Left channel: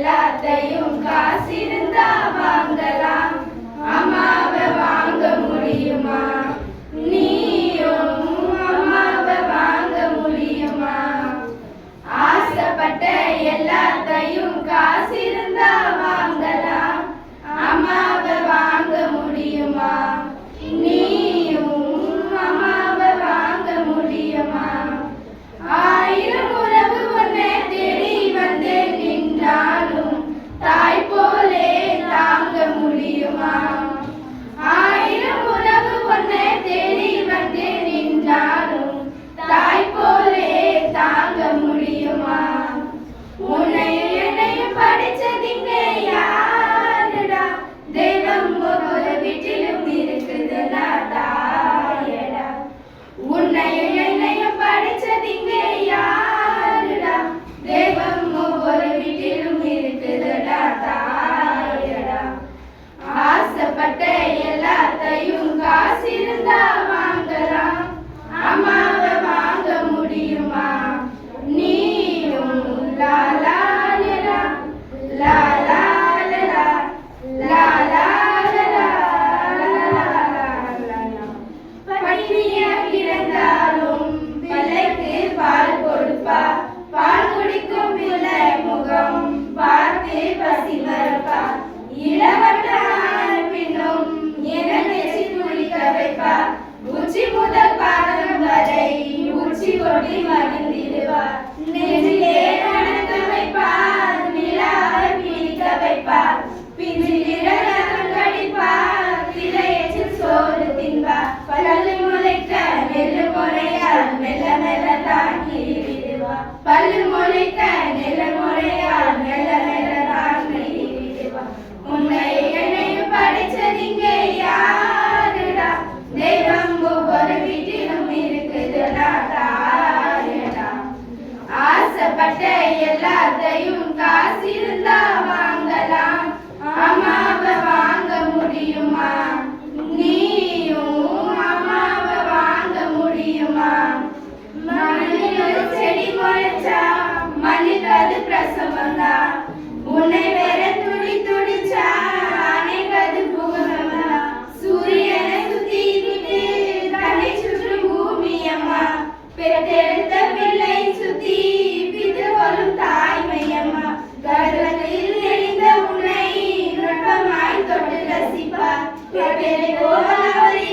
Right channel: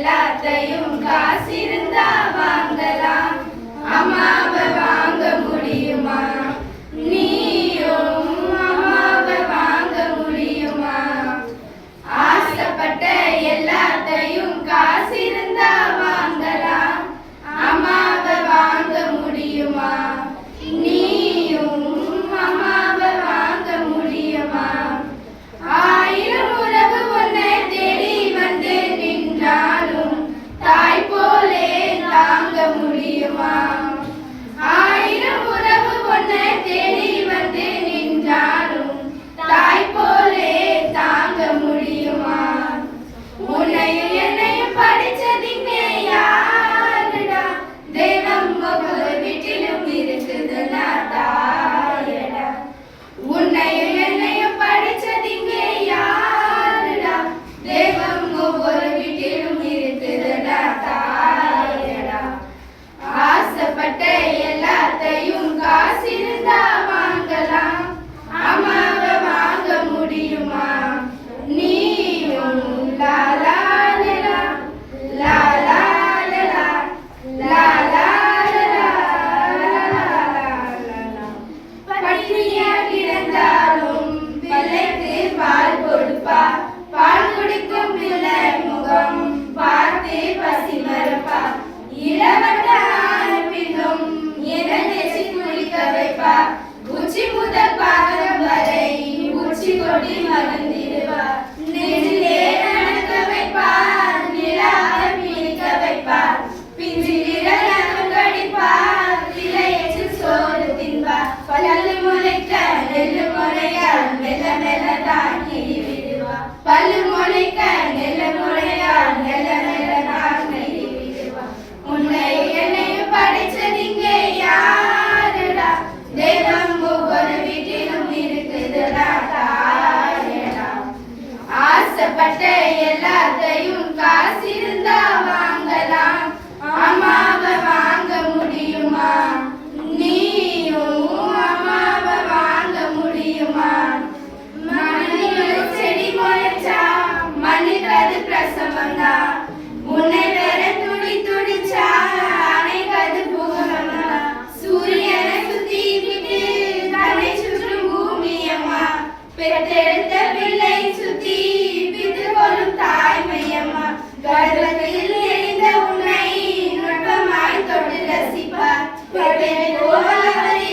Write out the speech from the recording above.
எல்லாத்தையும் காசிருந்தா வாங்கலாம், அம்மாவை வாங்க முடியுமா? நீயும் அம்மாவை வாங்க முடியுமா? ஆசைப்பட்ட எல்லாத்தையும் காசிருந்தா வாங்கலாம், அம்மாவை வாங்க முடியுமா? நீயும் அம்மாவை வாங்க முடியுமா? ஆயிரம் உறவு உன்னை தேடி வந்து நின்றாலும் தாய் போலே தாங்க முடியுமா? ஆயிரம் உறவு உன்னை தேடி வந்து நின்றாலும் தாய் போலே தாங்க முடியுமா? உன்னையும் என்னையும் படிச்சதிங்க யாருடா? தெய்வம் ஒவ்வொரு வீட்டிலும் இருக்குதுடா தாயடா. உன்னையும் என்னையும் படிச்சதிங்க யாருடா? தெய்வம் ஒவ்வொரு வீட்டிலும் இருக்குதுடா தாயடா. ஆசைப்பட்ட எல்லாத்தையும் காசிருந்தா வாங்கலாம், அம்மாவை வாங்க முடியுமா? நீயும் லாலா லலா லாலா லலா லாலா லலா. பட்டினியா கிடந்தாலும் பிள்ளைக்கு பால் கொடுப்பா, பால் குடிக்கும் பிள்ளை முகம் பார்த்து பசி மறப்பா. இளவட்டான பின்னும் என நெசி குளிக்க வைப்பா, உச்சி முதல் பாதம் வரை உச்சி கொடி மறந்திடுவா. நெஞ்சிலே நடக்க வைப்பா, நிலாவை பிடிக்க வைப்பா, பிஞ்சு விரலும் கடிப்பா, இலையச்சு சோறு தின்பா. பல்லு முளைக்க நெல்லு முளையா மெல்ல மெல்ல தாங்கி விடுவா. பல்லு முளைக்க நெல்ல முளையா மெல்ல மெல்ல தாங்கி விடுவா. உன்னை என்னையும் படைச்சதிங்க யாருடா? தெய்வம் ஒவ்வொரு வீட்டிலும் இருக்குதுடா தாயடா. ஆசைப்பட்ட எல்லாத்தையும் காசிருந்தா வாங்கலாம், அம்மாவை வாங்க முடியுமா? நீயும் அம்மாவை வாங்க முடியுமா? மண்ணில் செடி முளைச்சா மண்ணுக்கு அது பிரசவம்தான், உன்னை வேற துடி துடிச்சா அணைக்கு அது பூகம்பம்தான். சூரியனை சுத்தி விட்டு தன்னை சுற்றும் பூமி அம்மா, பெற்றெடுத்த பிள்ளை சுத்தி பித்து கொள்ளும் தாய்மையம்மா. கர்ப்பத்தில் எரிந்த உன்னை நுட்பமாய் தொட்டு ரசிப்பார், பெற்றெடுத்த போல் அவரை